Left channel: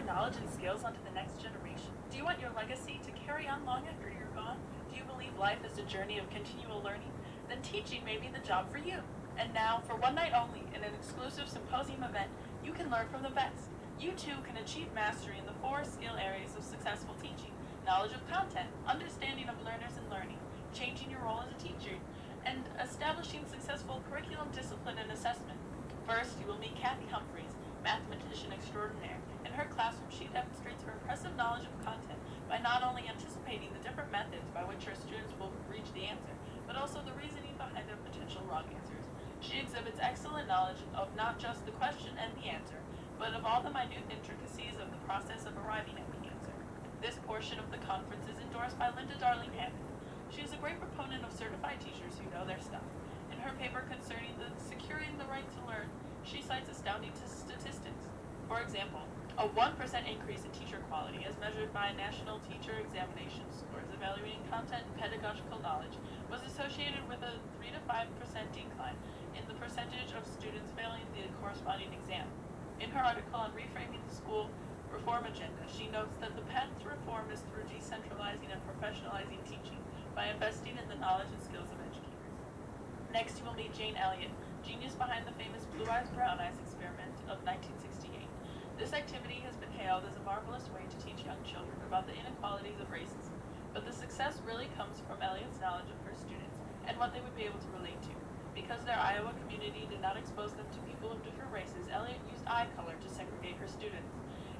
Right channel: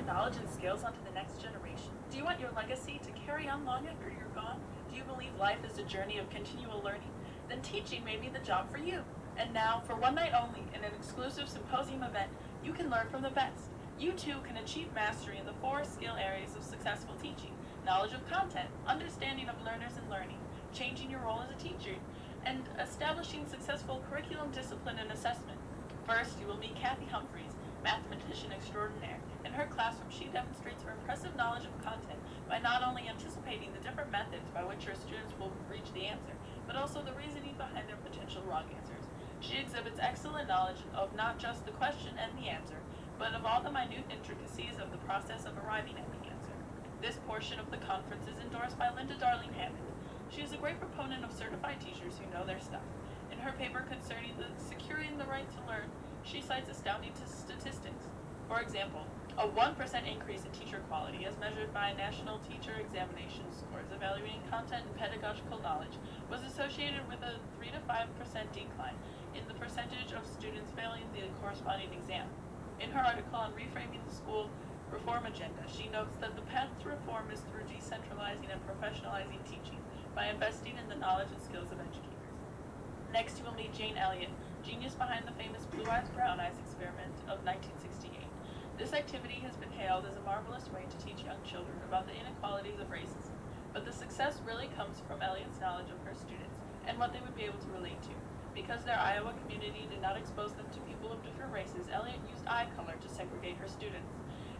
your knowledge and skills onto the next generation? Do you want your legacy to carry on long after you're gone? Do you believe life is a journey of continual learning? Then teaching may be the job for you. And now, for one night only, in an exclusive symposium event, you can learn from the best. You too can achieve mastery in the 4 skill areas of successful teaching: knowledge of content, understanding of learners and learning, changing your role as a teacher, and establishing successful curriculum, discipline, and assessment. First, you will meet Kathy Humphreys, mathematician extraordinaire. In her classroom, she demonstrates her impressive knowledge of content by not only anticipating the different methods by which her students will reach the answer, but also the reasoning behind their potential wrong answers. She exhibits excellent knowledge of not just the question and the answer, but of all the minute intricacies of the process of arriving at the answer. This portion of the conference is endorsed by Linda Darling Hammond. She is a great proponent of certified teachers who know their stuff. In her paper concerning securing the right to learn, she cites astounding statistics. For example, a 1% increase in teacher quality as measured by national teacher examination scores evaluating content and pedagogical knowledge was associated with a 3 to 5% decline in the percentage of students failing the corresponding exam. In her article on reframing the school reform agenda, she notes that the path to reform is through decentralizing and professionalizing teaching by investing in the knowledge and skills of educators. Next, you will meet Jane Elliott, genius behind the famous Blue Eyes, Brown Eyes experiment of 1968. This activity has been hailed as a marvelous way to teach young children about the inequalities of racism, but the success really comes from Elliott's knowledge of her students and what they would be able to relate to. Because their Iowa community did not expose them to people of different races, Elliott used eye color to segregate her students.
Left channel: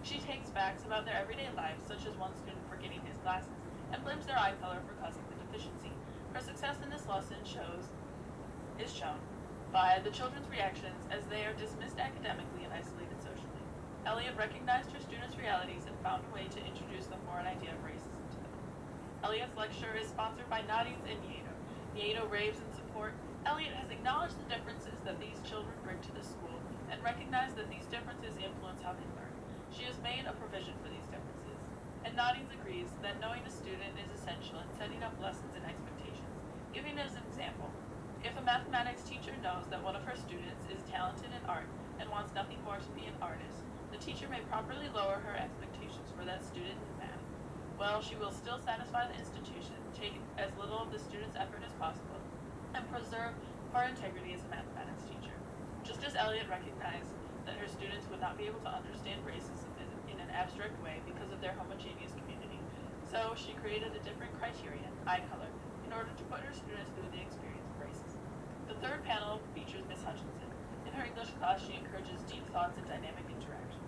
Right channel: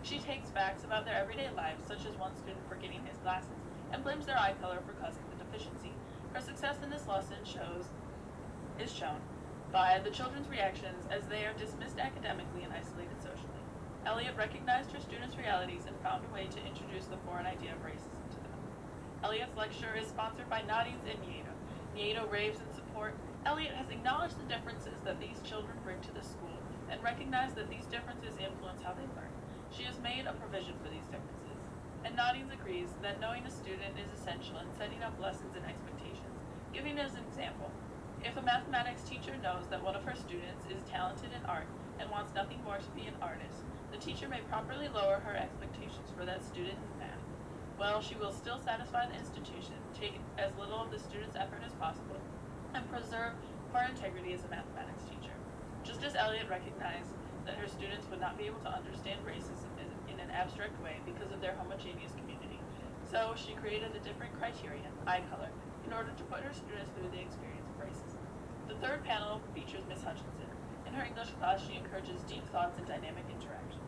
She takes facts about their everyday lives, such as one student forgetting his glasses, and blames their eye color for causing the deficiency. Her success in this lesson is shown by the children's reactions as they are dismissed academically and isolated socially. Elliott recognized her students' realities and found a way to introduce the foreign idea of racism to them. Elliott's lecture is sponsored by Nadies and Nieto. Nieto raves in support. Elliott has acknowledged the differences that these children bring to the school and recognized that these differences influence how they learn. She has made a provision for these differences. And Nadies agrees that knowing a student is essential in setting up lessons and expectations. Giving as an example, if a mathematics teacher knows that one of her students is talented in art and wants nothing more to be an artist, the teacher may properly lower her expectations for that student in math. Well, she will still satisfy the institution, take as little of the student's effort as possible, and preserve her integrity as a mathematics teacher. Just as Elliott recognized that her students would not be able to understand racism in an abstract way because of their homogeneous community, so she created a different criterion, eye color, in order to put her students through the experience of racism. The third panel features Miss Hutchinson. In her English class, she encourages deep thoughts and dynamic interactions.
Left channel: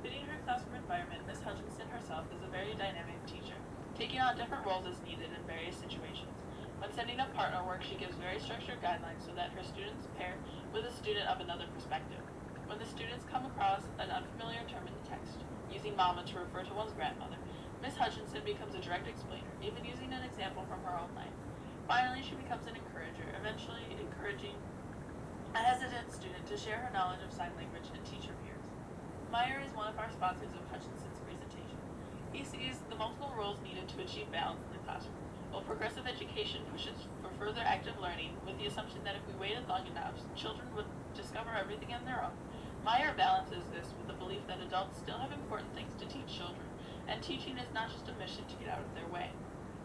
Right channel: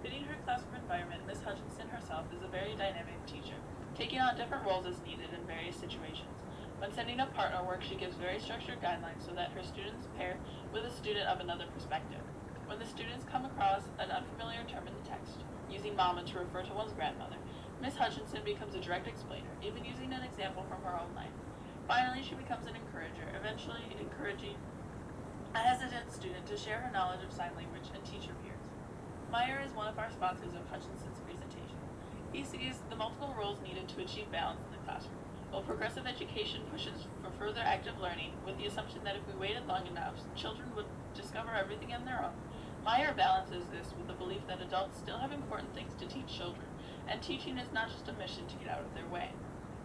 Fitting her classroom environment, Miss Hutchinson herself is a very dynamic teacher, taking on different roles as needed in various situations. When setting up partner work, she gives very structured guidelines so that her students pair with a student of another perspective. When the students come across an unfamiliar term in the text, using mama to refer to one's grandmother, Miss Hutchinson becomes a direct explainer, even using an example from her own life. Finally, she becomes an encourager, eventually encouraging a hesitant student to share her knowledge of sign language and teach her peers. Meyer is one of our sponsors of Hutchinson's presentation. He sees the multiple roles needed to achieve balance in the classroom. While progressive education pushes for further active learning with the assumption that if we waited long enough, children would discover everything on their own, Meyer balances this with the belief that adults still have important things to teach children, and teaching is not just a mission to get out of their way.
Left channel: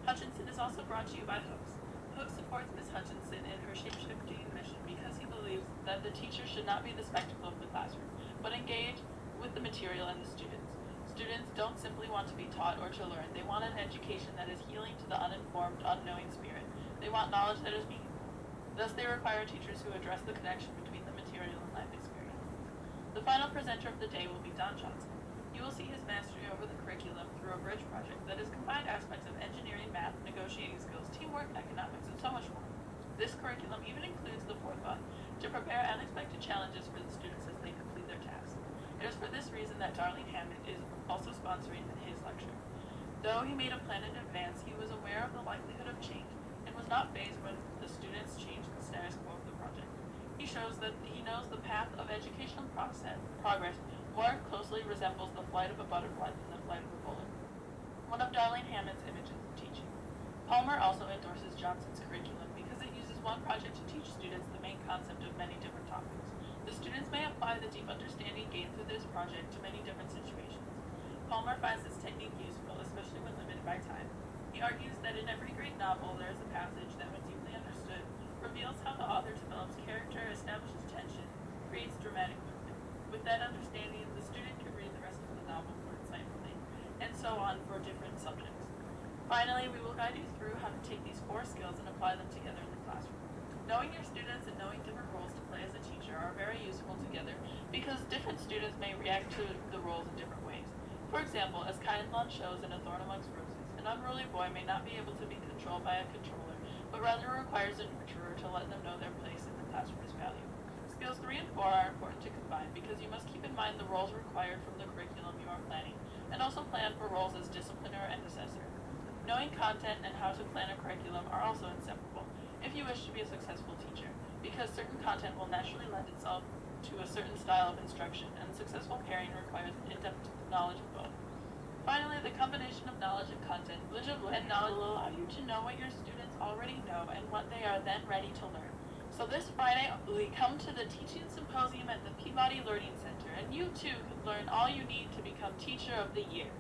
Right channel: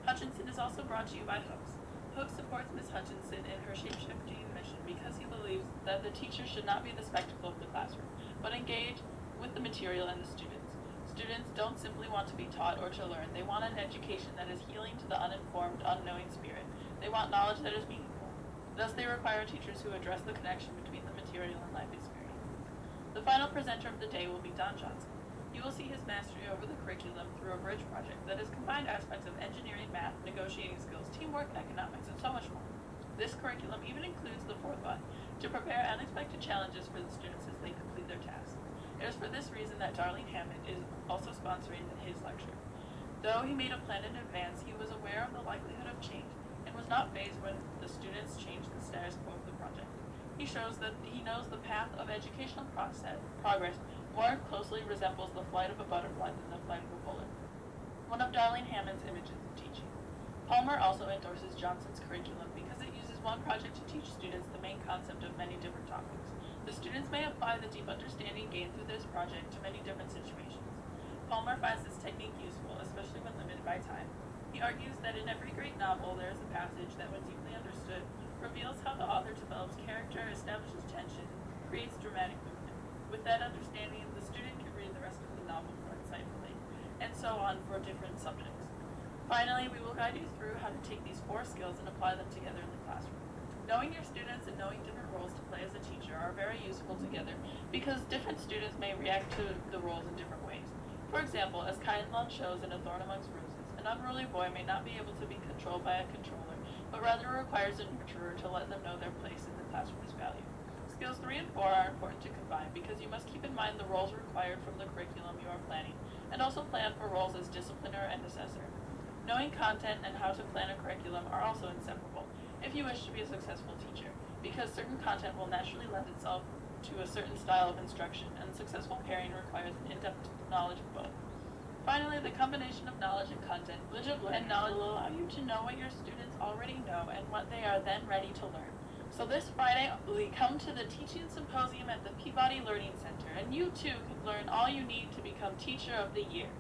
Hutchinson is also brought to you by Hooks. Hooks supports Ms. Hutchinson in her shape-shifting mission because he believes that the teacher should not be the spectacle of the classroom, but engage with the material and the students. Students don't simply want to be taught or to learn. They want an education that is healing to the uninformed, unknowing spirit. They want knowledge that is meaningful. Thus, they require teachers who address the connection between the material and life experiences. The final presenter of the day will be Don Johnson. You will see his mastery over the curriculum through a bridge project that has combined aspects of engineering, math, negotiating skills, teamwork, economics, and so much more. This curriculum even includes the forethought to prepare unexpected challenges for the students as they complete their tasks. It is for this reason that Darling Hammond is also sponsoring his lecture. Though he made a plan in advance, he was aware of the likelihood of change and was not fazed when the students changed the status quo of the project. He shows that he knows the path of educational progress more closely resembles the flight of a butterfly than the flight of a bullet. One of Darling Hammond's images of teaching. Palmer also endorses Johnson's curriculum because it uses one project to teach students the main concept of many different topics. The students may apply the deep understanding gained through this project to many different situations. unique useful, especially when limited by time. He argues that in every great novel there is a passage that, when deeply understood, reveals how the author develops character, establishes tension, creates dramatic movement. With that understanding, the student can read the rest of the novel more insightfully, and so on for different subjects. Finally, we will guide you through how to take these 4 skills and apply them together in the classroom. Knowing your students and knowing different roles to play as a teacher are very useful together because different students may react to the roles in different ways. For example, as Kainlon shows in A Thorn Amongst Roses, an unruly boy may not be able to be controlled by a controller, but rather requires a nurturer to let them know their place in the classroom is valued. Skills 3 and 4 are important to combine because you must keep in mind the roles required from the curriculum you are planning, and also plan for roles as discipliner and assessor. Knowing content and how to plan a curriculum are also inseparable if you wish to be a successful teacher, because certain content will naturally lend itself to a certain style of instruction, and successful pairing requires an in-depth knowledge of both. Finally, the combination of knowledge and content and knowledge will allow you to know what your students already know and what they are then ready to learn. So this Friday, we come to the Teaching Symposium at the Peabody Learning Center, and you too could learn all you need to become Teacher of the Year.